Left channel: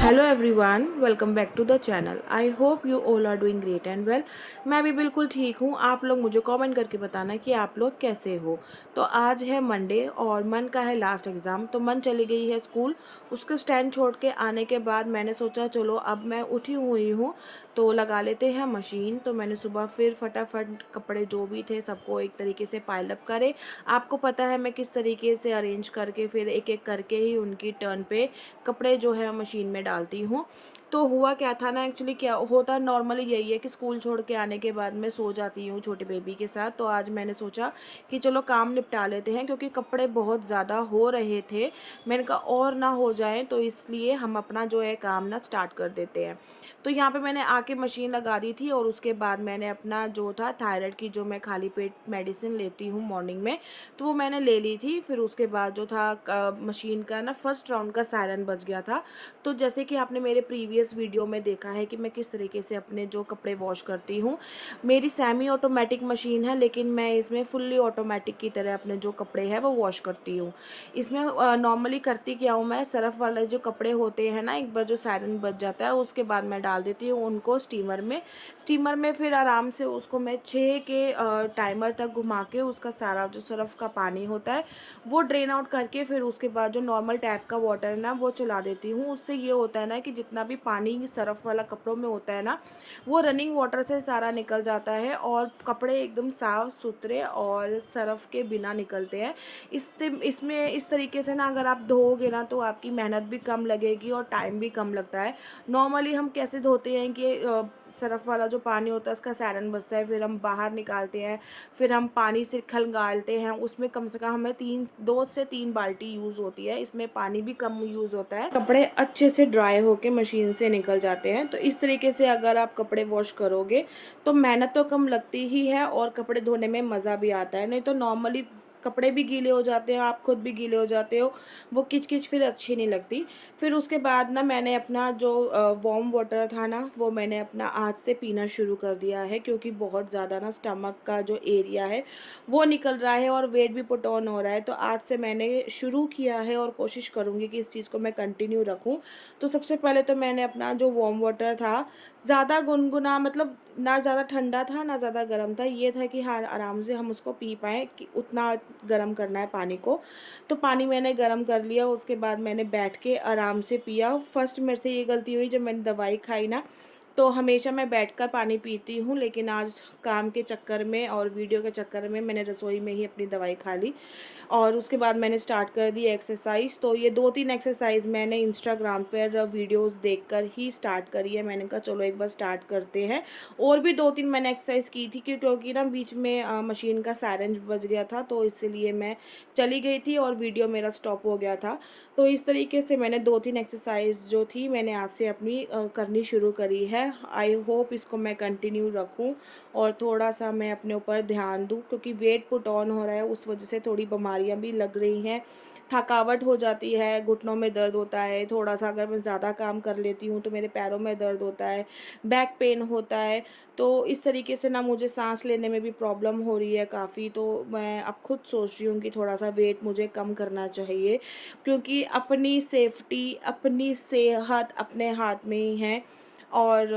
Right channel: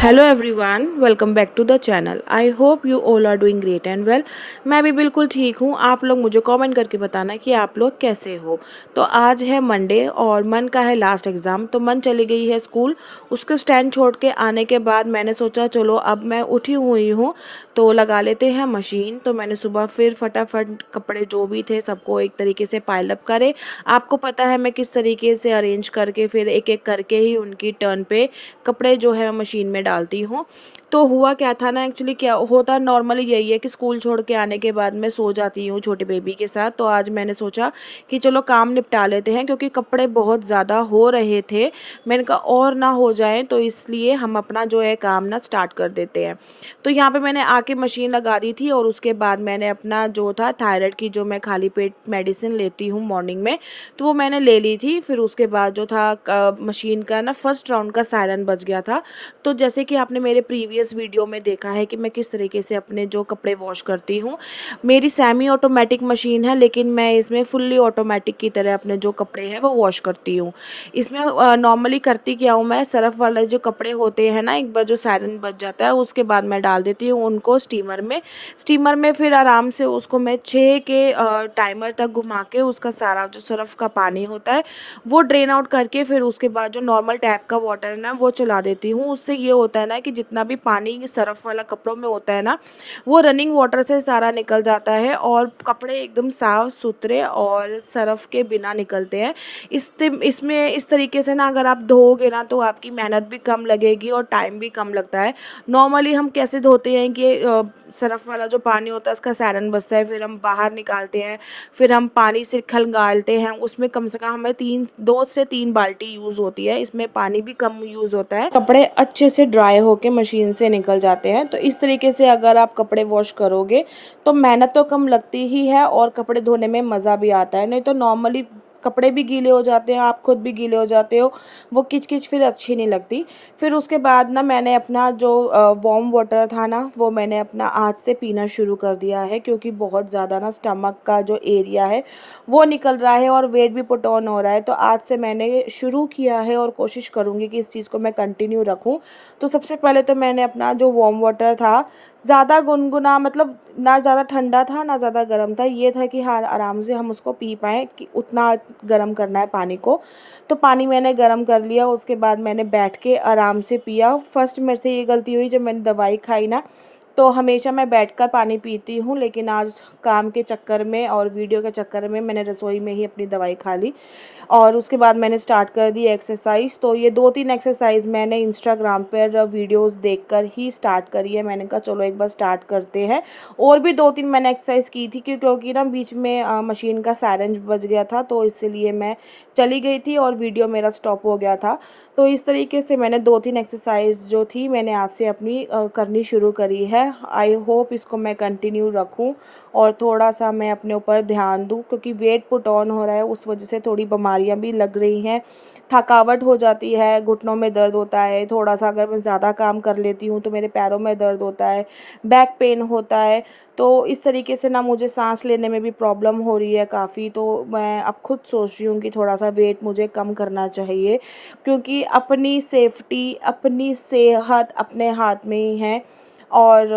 Hello everyone, welcome back to the channel. I hope you all are doing great and well. मैं भी बिल्कुल ठीक हूँ। आप लोग मुझे कमेंट करके बताना कि आप लोग कैसे हो। तो आज है मंडे और मन का है लास्ट एग्ज़ाम, तो मन चली गई है स्कूल। उसके स्टैंड छोड़ के आने के बाद मैंने सोचा चलो अब मैं उठी हुई हूँ तो लगा लेते हैं मशीन। तो मैंने सुबह फिर फटाफट कपड़े जो भी थे सबको एक तरीके से पाइल अप करे। आपको पता है मैं किस तरीके से अरेंज करके फिर एक एक करके ही उनकी टर्न पे कपड़े जो है मशीन में डालती हूँ। तो हुआ क्या था ना, एक्चुअली क्या होता नॉर्मली यही है कि स्कूल छोड़ के आने के बाद मैं सो जाती हूँ छोटे बेबी के साथ। तो आज मैंने सोचा कि चलो काम निपटा लेते हैं क्योंकि कपड़े बहुत ज़्यादा हो रहे थे। मैंने कहा और ना हो जाए, तो इसलिए हम अपना जो है काम ना स्टार्ट कर देते हैं। तो यहाँ पे मैंने आके मशीन लगा दी थी और उसके बाद मैंने अपना जो था थायराइड की जो मैं खाली पेट मेडिसिन लेती हूँ मॉर्निंग में, तो वो मैंने ले ली थी। फिर उसके बाद जो था मशीन का ना फर्स्ट राउंड का सायरन बज गया था। तो जैसे कि आपने मेरे प्रीवियस वीडियो में देखा है कि मैं किस तरीके से अपने जो कपड़े वॉश करती हूँ। मेरी सेमी ऑटोमेटिक मशीन है, लेकिन मैं इसमें फुल्ली ऑटोमेटिक की तरह अपने जो कपड़े हैं वो वॉश करती हूँ। इसमें नॉर्मली करती क्या हूँ, मैं सर्फ़ वाले जो कपड़े होते हैं ना, एक बार जो सायरन बज जाता है उसके बाद मैं डाल देती हूँ उनको स्टीमर में फिर आराम से उसको मैं 6 के टाइमर तक घुमा के उसका सारा जो सर्फ़ का पानी होता है वो ड्रेन आउट करके फिर उसके बाद जो नॉर्मल टैप का वाटर है ना वो चला देती हूँ। उससे ये होता है ना कि जितना भी पानी सर्फ़ वाला कपड़ों में होता है ना, वो रनिंग वाटर से सारा निकल जाता है और कपड़े एकदम साफ़ सुथरे और सर्फ़ के बिना निकलते हैं। इसमें इस तरीके से ना अगर आप धोओगे ना तो आपकी मेहनत भी कम लगेगी और टाइम भी कम लगता है। नॉर्मली हम कैसे धोते हैं कि सर्फ़ वाला जो पानी होता है उसका सायरन बजता है, फिर हम बाहर निकालते हैं, फिर हम पानी से खंगालते हैं, उसमें कम से कम हमें 2 से 3 बाल्टी यूज़ होती है। इसमें पानी भी कम यूज़ होता है, कपड़े अच्छे से ड्राई होके मशीन से निकल जाते हैं। तो इस तरीके से अगर आप कपड़े वॉश करोगे तो मेहनत तो कम लगती ही है और कपड़े धोने में मज़ा भी आता है। नहीं तो नॉर्मली कपड़े भी गीले हो जाते हैं, आप खुद भी गीले हो जाते हो, वो किच-किच फिर अच्छी नहीं लगती। फिर उसके बाद ना मैंने अपना जो वार्म वाटर था ना वो मैंने अपना आज से पीना शुरू कर दिया है, क्योंकि बहुत ज़्यादा ना स्टमक का जो एरिया है वो निकल रहा है और वेट भी पुट ऑन हो रहा है। तो आज से मैंने शुरू किया है और कोशिश करूँगी कि इस चीज़ को मैं कंटिन्यू रखूँ। तो सबसे पहले तो मैंने अपना जो वार्म वाटर था, ज़्यादा गुनगुना मतलब ना ज़्यादा ठंडा था ना ज़्यादा गर्म था, ये था कि हाँ आराम से हम उसको पी पाएँ, कि उतना गर्म करना है पानी को। तो पानी मैंने गर्म कर लिया, उसके बाद मैंने बैठ के आराम से पिया। फर्स्ट मेरे से ये गलती हुई जब मैंने दवाई खाई ना, तो हमेशा मैं बैठकर पानी पीती हूँ, लेकिन आज काम के चक्कर में और वीडियो के चक्कर में मैंने रसोई में ही अपनी दवाई खा ली। और उसके बाद मैंने स्टार्ट कर दी एक्सरसाइज़। तो ये 2-3 एक्सरसाइज़ मैंने इंस्टाग्राम पर वीडियोज़ देखकर ही स्टार्ट करी है। मैंने कहा चलो एक बार स्टार्ट करते हैं। और भी 2-3 मैंने एक्सरसाइज़ की थी क्योंकि ना बीच में मशीन का सायरन बज गया था, तो इसीलिए मैं चली गई थी और वीडियो मेरा स्टॉप हो गया था। तो इस तरीके से मैंने 2-3 एक्सरसाइज़ जो थी मैंने आज से अपनी करनी शुरू करी है। आई होप इसको मैं कंटिन्यू रखूँ और थोड़ा-सा मैं अपने ऊपर ध्यान दूँ, क्योंकि वेट पुट ऑन हो रहा है, उस वजह से थोड़ी बीमारियाँ भी लग रही हैं। थकावट हो जाती है, घुटनों में दर्द होता है, थोड़ा-सा अगर मैं ज़्यादा काम कर लेती हूँ तो मेरे पैरों में दर्द होता है, बैक पेन होता है। तो इस तरीके से ना मुझे साँस लेने में भी प्रॉब्लम हो रही है काफ़ी। तो मैं अब खुद सोच रही हूँ कि थोड़ा-सा वेट मुझे कम करना चाहिए, क्योंकि अपनी सेफ्टी, अपनी सेहत अपने हाथ में ही है। और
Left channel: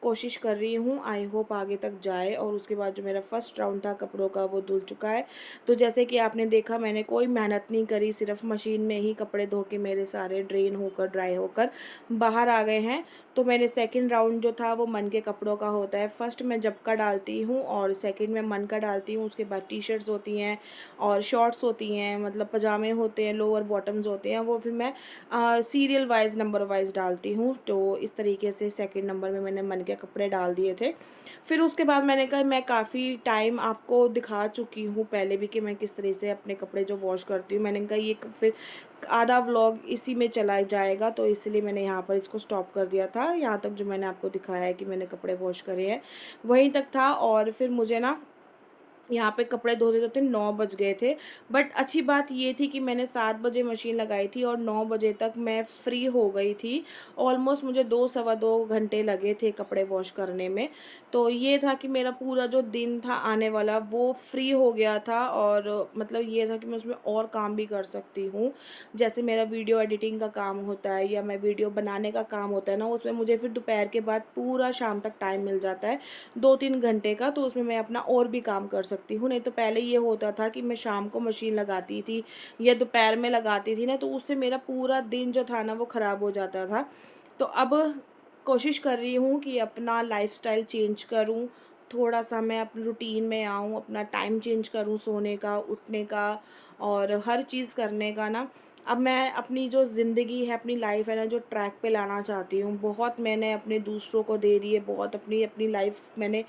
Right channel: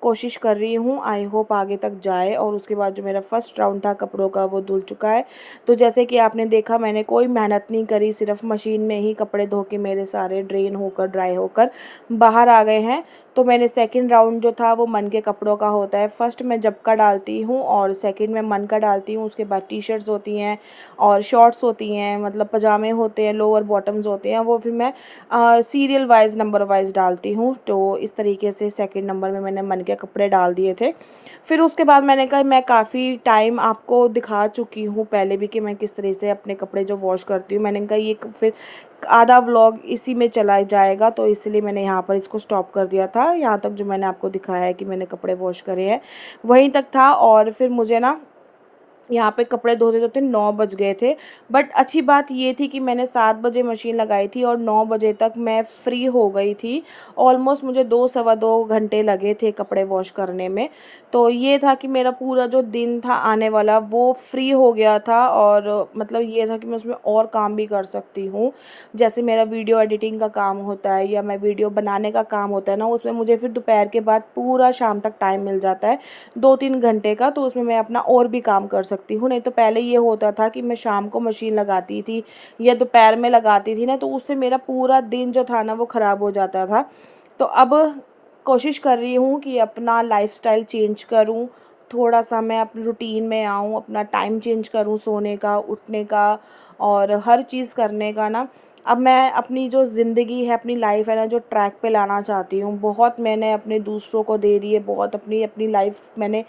कोशिश कर रही हूँ, आई होप आगे तक जाए। और उसके बाद जो मेरा फर्स्ट राउंड था कपड़ों का वो धुल चुका है। तो जैसे कि आपने देखा मैंने कोई मेहनत नहीं करी, सिर्फ़ मशीन में ही कपड़े धो के मेरे सारे ड्रेन होकर ड्राई होकर बाहर आ गए हैं। तो मैंने सेकंड राउंड जो था वो मन के कपड़ों का होता है। फर्स्ट मैं जब का डालती हूँ और सेकंड में मन का डालती हूँ। उसके बाद टी-शर्ट्स होती हैं और शॉर्ट्स होती हैं, मतलब पजामे होते हैं, लोअर बॉटम्स होते हैं, वो फिर मैं सीरियल वाइज़ नंबर वाइज़ डालती हूँ। तो इस तरीके से सेकंड नंबर में मैंने मन के कपड़े डाल दिए थे। फिर उसके बाद मैंने कहा मैं काफ़ी टाइम आपको दिखा चुकी हूँ पहले भी कि मैं किस तरह से अपने कपड़े जो वॉश करती हूँ। मैंने कहा ये फिर आधा व्लॉग इसी में चला जाएगा, तो इसलिए मैंने यहाँ पर इसको स्टॉप कर दिया था। यहाँ तक जो मैंने आपको दिखाया है कि मैंने कपड़े वॉश करे हैं, वहीं तक था। और फिर मुझे ना यहाँ पे कपड़े धोते-धोते 9 बज गए थे। बट अच्छी बात ये थी कि मैंने 7 बजे मशीन लगाई थी और 9 बजे तक मैं फ्री हो गई थी। ऑलमोस्ट मुझे 2 सवा 2 घंटे लगे थे कपड़े वॉश करने में। तो ये था कि मेरा पूरा जो दिन था आने वाला वो फ्री हो गया था, और मतलब ये था कि मैं उसमें और काम भी कर सकती हूँ। जैसे मेरा वीडियो एडिटिंग का काम होता है या मैं वीडियो बनाने का काम होता है ना, उसमें मुझे फिर दोपहर के बाद पूरा शाम तक टाइम मिल जाता है, 2-3 घंटे का, तो उसमें मैं अपना और भी काम कर सकती हूँ। नहीं तो पहले ये होता था कि मैं शाम को मशीन लगाती थी या दोपहर में लगाती थी ना, तो उससे मेरा पूरा दिन जो था ना वो ख़राब हो जाता था। तो अब कोशिश कर रही हूँ कि अपना लाइफ़स्टाइल चेंज करूँ, थोड़ा-सा मैं अपनी रूटीन में आऊँ, अपना टाइम चेंज करूँ सोने का, उठने का और हर चीज़ करने का ना। अब मैं अपनी जो ज़िंदगी है, अपनी लाइफ़ है ना, जो ट्रैक पे लाना चाहती हूँ। बहुत मैंने अपने दूसरों को दे दी है, बहुत अपनी अपनी लाइफ़ मैंने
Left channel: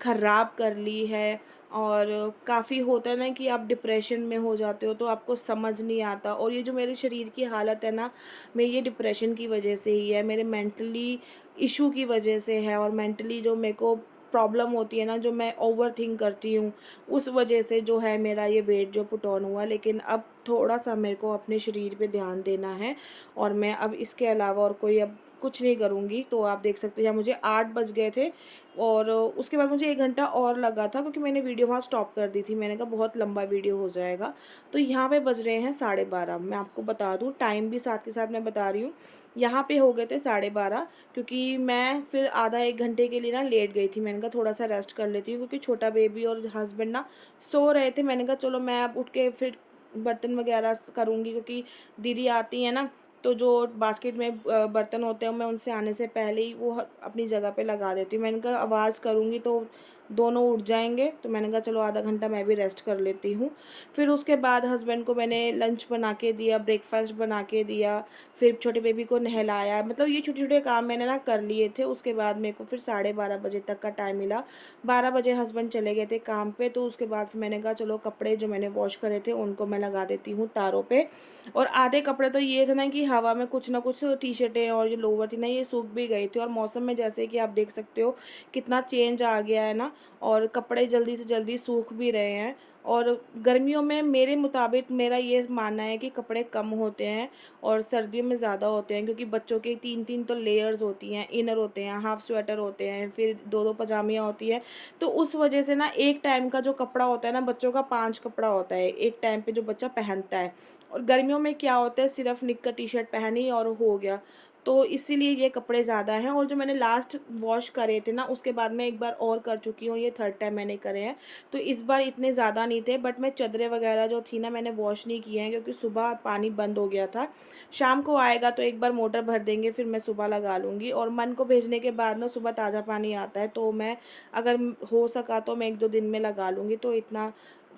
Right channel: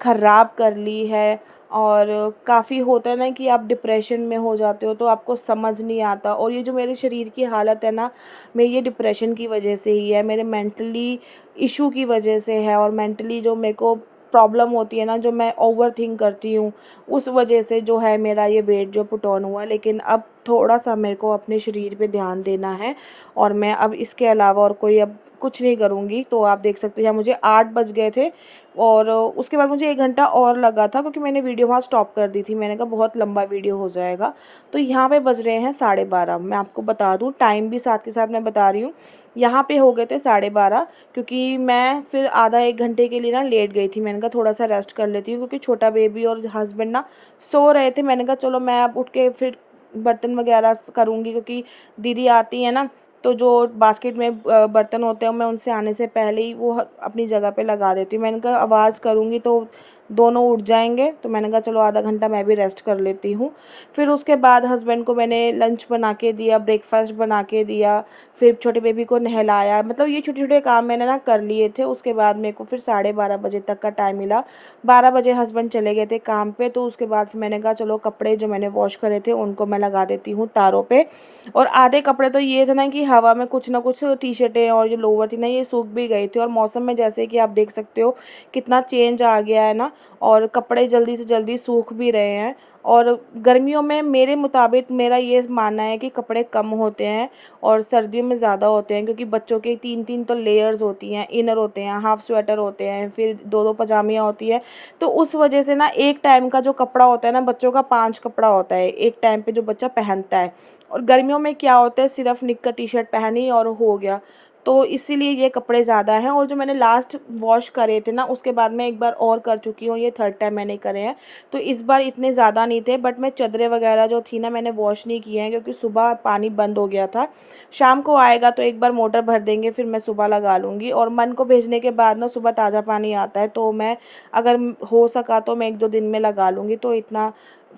ख़राब कर ली है, और काफ़ी होता है ना कि आप डिप्रेशन में हो जाते हो तो आपको समझ नहीं आता, और ये जो मेरे शरीर की हालत है ना, मेरी ये डिप्रेशन की वजह से ही है, मेरे मेंटली इशू की वजह से है, और मेंटली जो मेरे को प्रॉब्लम होती है ना, जो मैं ओवरथिंक करती हूँ, उस वजह से जो है मेरा ये वेट जो पुट ऑन हुआ। लेकिन अब थोड़ा-सा मेरे को अपने शरीर पे ध्यान देना है, और मैं अब इसके अलावा और कोई अब कुछ नहीं करूँगी। तो आप देख सकते हैं मुझे 8 बज गए थे, और उसके बाद मुझे 1 घंटा और लगा था क्योंकि मैंने वीडियो वहाँ स्टॉप कर दी थी। मैंने कहा बहुत लंबा वीडियो हो जाएगा। तो यहाँ पे बज रहे हैं 12:30। मैं आपको बता दूँ टाइम भी साथ के साथ मैं बता रही हूँ। यहाँ पे हो गए थे 12:30, क्योंकि मैं फिर आधा 1 घंटे के लिए ना लेट गई थी। मैंने कहा थोड़ा-सा रेस्ट कर लेती हूँ, क्योंकि छोटा बेबी और हस्बैंड ना सो रहे थे। मैंने कहा चलो मैं अब उठ के फिर बर्तन वगैरह करूँगी, क्योंकि दीदी आती है ना, तो जो बास्केट में बर्तन होते हैं मैं उनसे आने से पहले ही वो अपनी जगह पे लगा देती हूँ। मैंने कहा आवाज़ करूँगी तो दोनों उठ जाएंगे, तो मैंने कहा चलो आधा घंटा मैं भी रेस्ट कर लेती हूँ। फिर उसके बाद हस्बैंड को मैंने लंच बना के दिया, ब्रेकफास्ट बना के दिया, फिर छोटे बेबी को नहलाया। मतलब ये छोटे-छोटे काम मैंने ना कर लिए थे। उसके बाद मेरे को फिर 12:30 बजे तक का टाइम मिला। 12 बजे हस्बैंड चले गए थे काम पे, तो उसके बाद फिर मैंने कहा चलो कपड़े जो मैंने वॉश करे थे उनको मैं लगा देती हूँ तारों पे। और आधे कपड़े तो ये थे ना कि हवा में कुछ ना कुछ टी-शर्टें और जो लोवर थी ना ये सूख भी गई थी, और मौसम में जैसे कि आप देख सकते हो कितना चेंज आ गया है ना, और कपड़े जल्दी से जल्दी सूख भी रहे हैं। और गर्मियों में मेरे मुताबिक मेरा ये मानना है कि कपड़े कम होते हैं और सर्दियों में ज़्यादा होते हैं, क्योंकि बच्चों के 3-3 तो लेयर्स होती हैं, इनर होते हैं, हाफ स्वेटर होते हैं, फिर 2-2 पजामियाँ होती हैं। तो उस वजह से ना एक टाइम का जो कपड़ा होता है ना बच्चों का 5 कपड़ा होता है, एक टाइम पे जो बच्चा पहनता है। और गर्मियों में क्या होता है सिर्फ़ निक्कर टी-शर्ट पहनी और हो गया। तो इसीलिए ये कपड़े ज़्यादा हैं, और जो मैंने लास्ट वॉश करे थे ना उसके बाद मैं एक बार और कर चुकी हूँ, ये थर्ड टाइम मैंने करे हैं। तो इस बार इतने ज़्यादा नहीं थे, बट मैं चादरें वगैरह जो थी ना मैंने वॉश नहीं किए हैं, क्योंकि सुबह पानी बंद हो गया था। शाम को आएगा तो एक बार मोटर भर देंगे, फिर मैं सुबह लगा लूँगी, और मन को भेजने के बाद ना सुबह ताज़ा पानी आता है, तो मैं अगर हो सका तो मैं 1-2 दिन में लगा लूँगी, तो इतना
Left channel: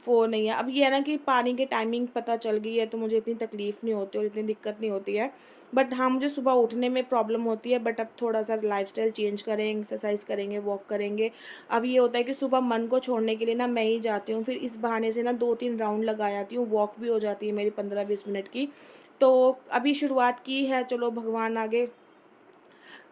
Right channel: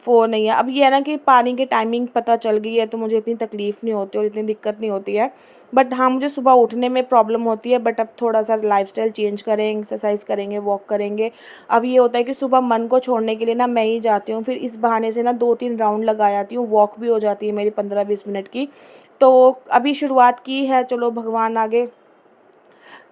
वो नहीं है। अब ये है ना कि पानी की टाइमिंग पता चल गई है तो मुझे इतनी तकलीफ़ नहीं होती और इतनी दिक्कत नहीं होती है। बट हाँ, मुझे सुबह उठने में प्रॉब्लम होती है, बट अब थोड़ा-सा लाइफ़स्टाइल चेंज करें, एक्सरसाइज़ करेंगे, वॉक करेंगे। अब ये होता है कि सुबह मन को छोड़ने के लिए ना मैं ही जाती हूँ, फिर इस बहाने से ना 2-3 राउंड लगा आती हूँ, वॉक भी हो जाती है मेरी 15-20 मिनट की। तो अभी शुरुआत की है, चलो भगवान आगे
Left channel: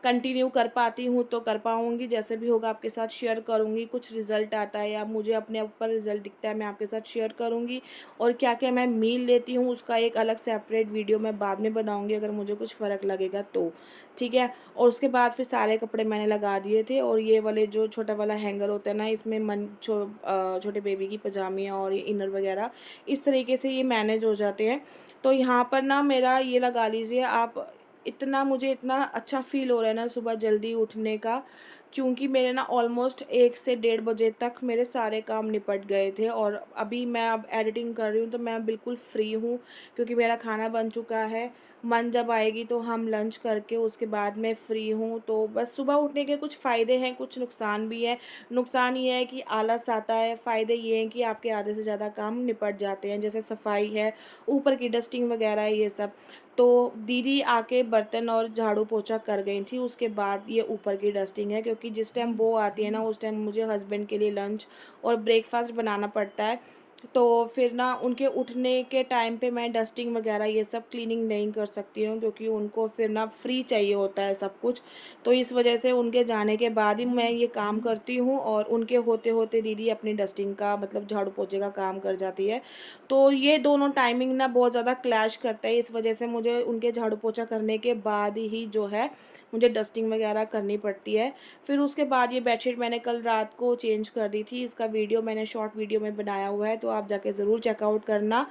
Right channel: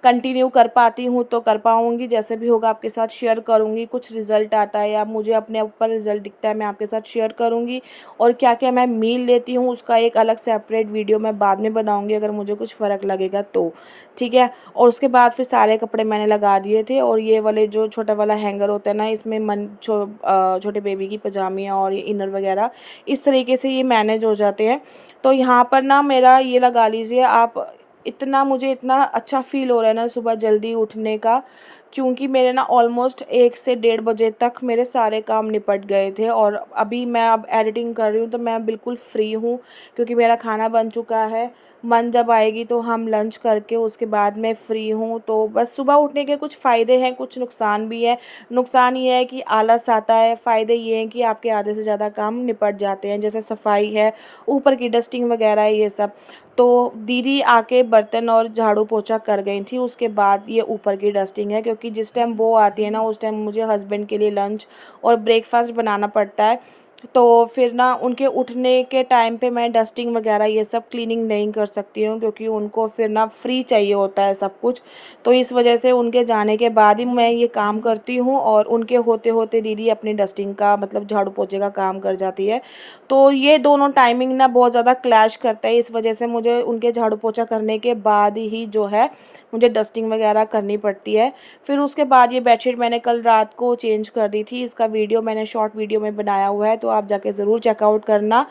कंटिन्यू कर पाती हूँ तो कर पाऊँगी, जैसे भी होगा आपके साथ शेयर करूँगी। कुछ रिज़ल्ट आता है या मुझे अपने ऊपर रिज़ल्ट दिखता है मैं आपके साथ शेयर करूँगी, और क्या-क्या मैं मील लेती हूँ उसका एक अलग सेपरेट वीडियो मैं बाद में बनाऊँगी अगर मुझे कुछ फ़र्क लगेगा तो, ठीक है? और उसके बाद फिर सारे कपड़े मैंने लगा दिए थे, और ये वाले जो छोटा वाला हैंगर होता है ना इसमें छोटे बेबी की पजामियाँ और ये इनर वग़ैरह इस तरीके से ये मैनेज हो जाते हैं। तो यहाँ पर ना मेरा ये लगा लीजिए आप, मुझे इतना अच्छा फ़ील हो रहा है ना सुबह जल्दी उठने का, क्योंकि मेरे ना ऑलमोस्ट 1 से डेढ़ बजे तक मेरे सारे काम निपट गए थे, और अभी मैं अब एडिटिंग कर रही हूँ तो मैं बिल्कुल फ्री हूँ, क्योंकि मेरा खाना बन चुका है। मन जब आएगी तो हम लंच करके उसके बाद मैं फ्री हूँ। तो बस सुबह उठने के कुछ फ़ायदे हैं, कुछ नुकसान भी है। नुकसान ये है कि आलस आता है, फ़ायदे ये हैं कि आपके आधे से ज़्यादा काम निपट जाते हैं, जैसे सफाई है, ऊपर की डस्टिंग वगैरह है ये सब। तो दीदी आके बर्तन और झाड़ू पोछा कर गई थी, उसके बाद ये ऊपर की डस्टिंग है, क्योंकि जिस टाइम वो आती है ना उस टाइम मुझे हस्बैंड के लिए लंच और ब्रेकफास्ट बनाना पड़ता है। तो फिर ना उनके उठने के टाइम पे मैं डस्टिंग वगैरह ये सब क्लीनिंग नहीं कर सकती हूँ, क्योंकि उनको फिर ना फ्री चाहिए होता है सब कुछ। तो इस वजह से उनके जाने के बाद ही मैं ये काम करती हूँ, और उनके होते होते दीदी अपनी डस्टिंग का मतलब झाड़ू पोछे का काम कर जाती है। तो ये दोनों टाइमिंग ना बहुत ज़्यादा क्लैश करता है, इस वजह से मुझे उनके झाड़ू पोछा करने के बाद ही जो है मुझे डस्टिंग वगैरह करनी पड़ती है। फिर उसके बाद ये बेडशीट मैंने कल रात को चेंज कर दी थी, इसका वीडियो मैंने शॉर्ट वीडियो में बनाया हुआ है, तो आप जाके ज़रूर चेकआउट करना।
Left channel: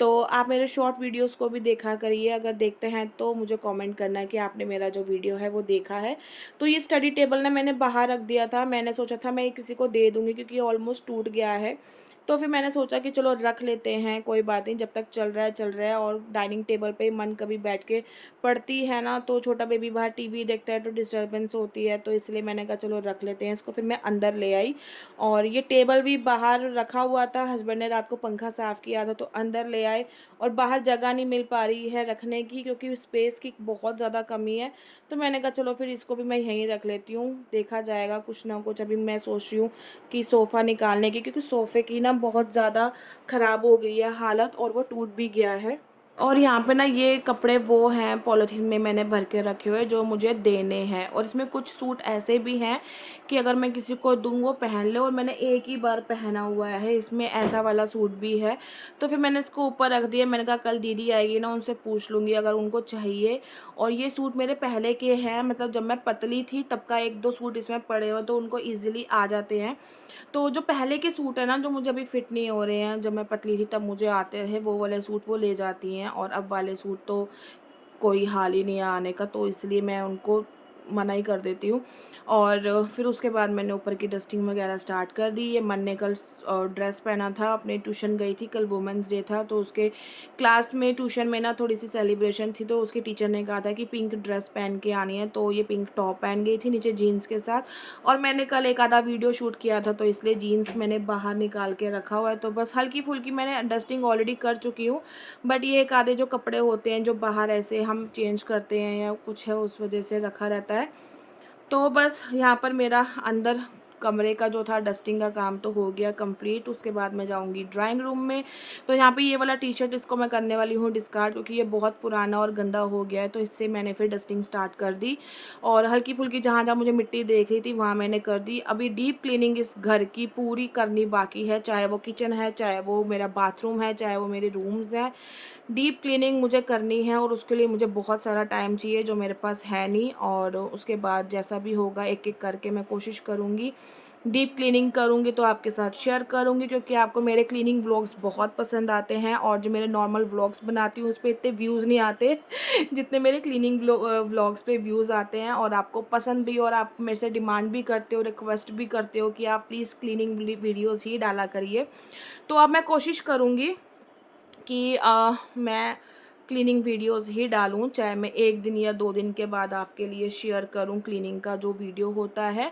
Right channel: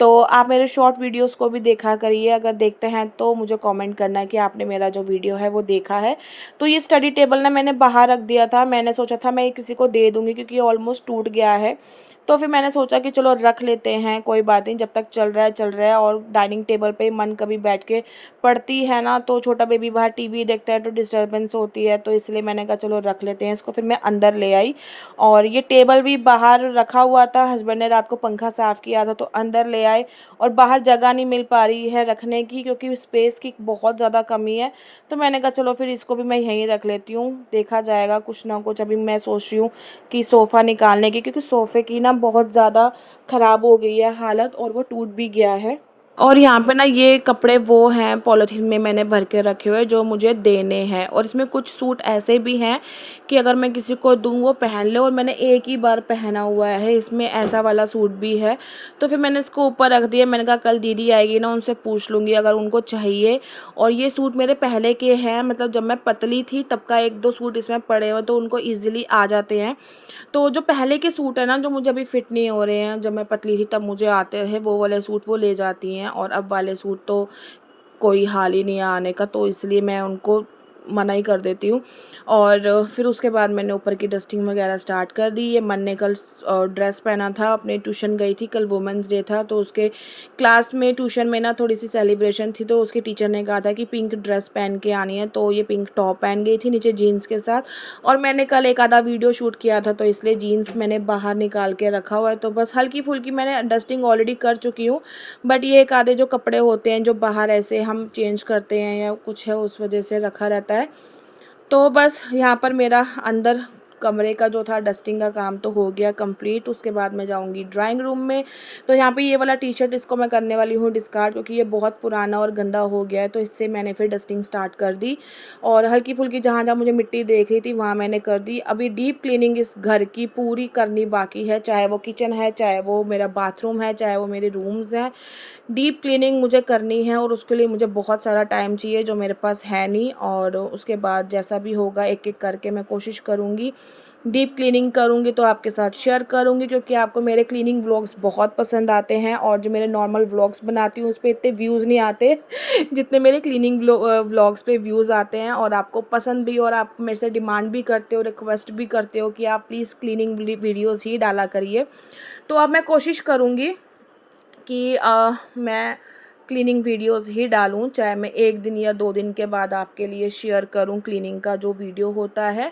तो आप मेरे शॉर्ट वीडियोस को भी देखा करिए, अगर देखते हैं तो मुझे कमेंट करना कि आपने मेरा जो वीडियो है वो देखा है। तो ये स्टडी टेबल ना मैंने बाहर रख दिया था, मैंने सोचा था मैं ये किसी को दे दूँगी, क्योंकि ये ऑलमोस्ट टूट गया है। तो फिर मैंने सोचा कि चलो रख लेते हैं, कोई बात नहीं, जब तक चल रहा है। और डाइनिंग टेबल पे मन कभी बैठ के पढ़ती है ना, तो छोटा बेबी बाहर टीवी देखता है तो डिस्टर्बेंस होती है, तो इसलिए मैंने कहा चलो रख लेते हैं इसको। फिर मैं अंदर ले आई, और ये टेबल भी बाहर रखा हुआ था, हस्बैंड ने रात को पंखा साफ़ किया था तो अंदर ले आए। और बाहर जगह नहीं मिल पा रही है रखने की, क्योंकि स्पेस की बहुत ज़्यादा कमी है। तो मैंने कहा चलो फिर इसको भी मैं यहीं रख लेती हूँ, देखा जाएगा कुछ ना कुछ। अभी मैं सोच रही हूँ कि सोफ़ा निकालने की, क्योंकि सोफ़े की ना बहुत ज़्यादा ख़राब हो गई है हालत, और वो टूट भी गया है। और यहाँ पे ना ये कपड़े वो हैं पॉलीथीन में मैंने भर के रखे हुए जो मुझे देने हैं, और इसमें कुछ सूट ऐसे भी हैं कि अगर मैं किसी को दूँ वो पहन ले, और मैंने एक ही बार पहना हुआ है, इसमें ऐसा वाला सूट भी है। तो फिर मैंने इसको ऊपर रख दिया, मैंने कहा कल दीदी आएगी ना उनसे पूछ लूँगी अगर उनको चाहिए। और ये सूट मेरे पहले के हैं, मतलब जब मैं पतली थी तब का एक दो सूट इसमें पड़े हुए, तो उनको ईजिली आ जाते हैं। तो जो पहले के सूट है ना जो मुझे अभी फिट नहीं हो रहे हैं, जब मैं पतली थी तब मुझे आते हैं वो वाले सूट, वो ले जाती हैं। और अब वाले सूट तो कोई हाल ही नहीं है आने का, तो इसलिए मैं उनको मना ही कर देती हूँ। और फिर उसके बाद मैंने ऊपर की डस्टिंग वगैरह स्टार्ट कर दी। ये मन ने कल ड्रेस पहना था, अपने ट्यूशन गई थी, कल वुमेंस डे था, तो उसके क्लास में ट्यूशन में ना थोड़ी सी सेलिब्रेशन थी, तो उसके टीचर ने कहा था कि पिंक ड्रेस पहन के आनी है, तो ये पिंक टॉप पहन गई थी नीचे जीन्स के साथ। और मैंने कल एक आधा वीडियो शूट किया था, तो इसलिए जीन्स मैंने बाहर निकाल के रखा हुआ है, तो बस हल्की फुल्की मैंने डस्टिंग ऑलरेडी कर चुकी हूँ। बट ये एक आधे जो कपड़े होते हैं जो बाहर ऐसे हम चेंज करते हैं या कुछ है उस वजह से रखा रहता है। तो बस यहाँ पर मेरा अंदर कमरे का जो था डस्टिंग का काम तो हो गया कंप्लीट। उसके बाद मैं जाऊँगी ड्राइंग रूम में। तो यहाँ पे ये वाला टी शर्ट इसको मैं करने वाली हूँ डिस्कार्ड, क्योंकि ये बहुत पुराना और गंदा हो गया है, तो इससे मैंने फिर डस्टिंग स्टार्ट कर दी। और हल्की फुल्की जहाँ जहाँ मुझे मिट्टी देख रही थी वहाँ मैंने कर दी। अभी डीप क्लीनिंग इस घर की पूरी करनी बाकी है, चाहे वो किचन है, चाहे वो मेरा बाथरूम है, चाहे वो मेरे रूम्स हैं। डीप क्लीनिंग मुझे करनी है, और उसके लिए मुझे बहुत सारा टाइम चाहिए जो मेरे पास है नहीं। और उसके बाद जैसा भी होगा एक एक करके मैं कोशिश करूँगी। डीप क्लीनिंग करूँगी तो आपके साथ शेयर करूँगी, क्योंकि आपको मेरे क्लीनिंग व्लॉग्स बहुत पसंद आते हैं, और जो मेरे नॉर्मल व्लॉग्स बनाती हूँ उस पे इतने व्यूज़ नहीं आते जितने मेरे क्लीनिंग व्लॉग्स पे व्यूज़ आते हैं। और आपको पसंद भी, और आप मेरे से डिमांड भी करते हो, रिक्वेस्ट भी करते हो कि आप प्लीज़ क्लीनिंग वीडियोज़ ही डाला करिए। तो अब मैं कोशिश करूँगी कि मैं क्लीनिंग वीडियोस ही डालूँ, चाहे मैं 1 दिन या 2 दिन के बाद आपके लिए शेयर करूँ क्लीनिंग का जो वीडियो होता है।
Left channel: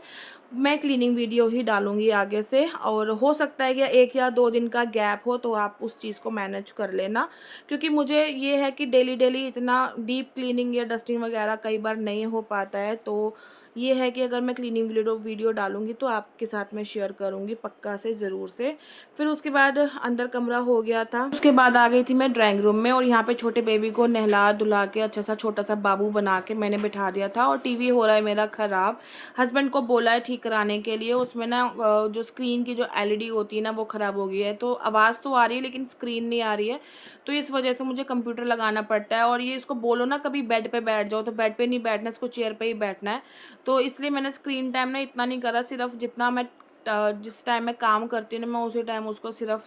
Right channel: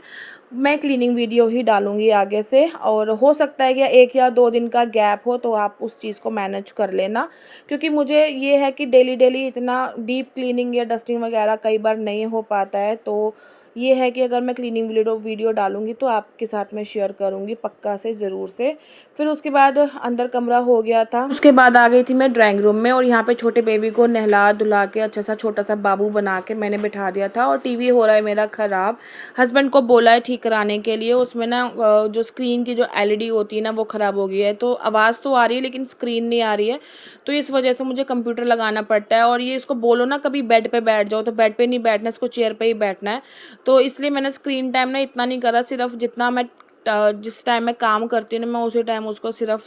मैं क्लीनिंग वीडियो ही डालूँगी आगे से, और हो सकता है कि 1 या 2 दिन का गैप हो तो आप उस चीज़ को मैनेज कर लेना। क्योंकि मुझे ये है कि डेली इतना डीप क्लीनिंग या डस्टिंग वगैरह कई बार नहीं हो पाता है, तो ये है कि अगर मैं क्लीनिंग वीडियो डालूँगी तो आपके साथ मैं शेयर करूँगी पक्का से, ज़रूर से। फिर उसके बाद अंदर कमरा हो गया था, उसके बाद आ गई थी मैं ड्राइंग रूम में, और यहाँ पे छोटे बेबी को नहला धुला के अच्छा सा छोटा सा बाबू बना के मैंने बिठा दिया था। और टीवी हो रहा है मेरा ख़राब, हस्बैंड को बोला है ठीक कराने के लिए। उसमें ना जो स्क्रीन की जो एलईडी होती है ना वो ख़राब हो गई है, तो आवाज़ तो आ रही है लेकिन स्क्रीन नहीं आ रही है, तो इस वजह से मुझे कंप्यूटर लगाना पड़ता है। और ये इसको बोलो ना कभी बेड पे बैठ जाओ, तो बेड पे नहीं बैठना, इसको चेयर पे ही बैठना है। तो इसलिए मैंने स्क्रीन टाइम ना इतना नहीं करा, सिर्फ जितना मैं जिस टाइम मैं काम करती हूँ ना मैं उसी टाइम उसको सिर्फ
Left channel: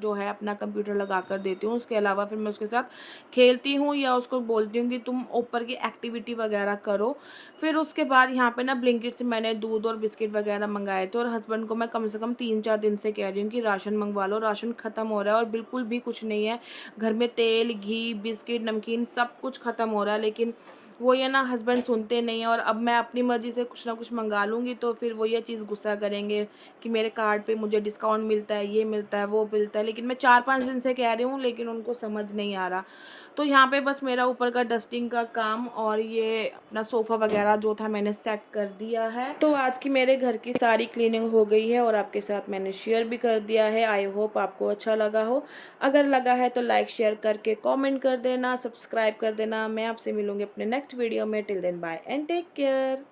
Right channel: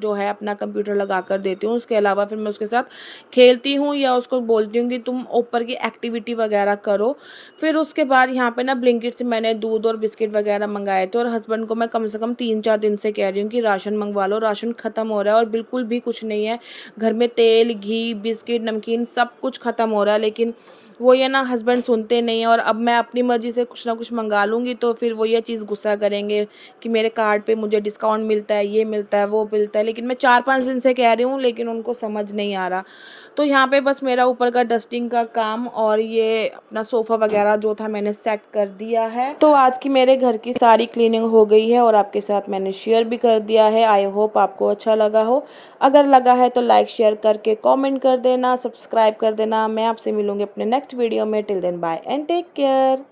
जो है अपना कंप्यूटर लगा कर देती हूँ। उसके अलावा फिर मैं उसके साथ खेलती हूँ या उसको बोलती हूँ कि तुम ऊपर की एक्टिविटी वगैरह करो। फिर उसके बाद यहाँ पे ना ब्लिंकिट से मैंने दूध और बिस्किट वगैरह मंगाए थे, और हस्बैंड को मैं कम से कम 3-4 दिन से कह रही हूँ कि राशन मंगवा लो, राशन ख़त्म हो रहा है और बिल्कुल भी कुछ नहीं है घर में। तेल, घी, बिस्किट, नमकीन सब कुछ ख़त्म हो रहा है, लेकिन वो ये ना हस्बैंड सुनते नहीं हैं, और अब मैं अपनी मर्ज़ी से कुछ ना कुछ मंगा लूँगी तो फिर वो ये चीज़ गुस्सा करेंगे कि मेरे कार्ड पे मुझे डिस्काउंट मिलता है, ये मिलता है, वो मिलता है। लेकिन मैं 4-5 दिन से कह रही हूँ, लेकिन उनको समझ नहीं आ रहा। तो यहाँ पे बस मेरा ऊपर का डस्टिंग का काम और ये अपना सोफ़ा वग़ैरह जो था मैंने सेट कर दिया है। तो आज की मेरे घर की सारी क्लीनिंग हो गई है और आपके साथ मैंने शेयर भी कर दिया है। आई होप आपको अच्छा लगा हो। अगर लगा है तो लाइक शेयर करके कमेंट कर देना, सब्सक्राइब कर देना। मैं आपसे मिलूँगी अपने नेक्स्ट वीडियो में। Till then bye and take care.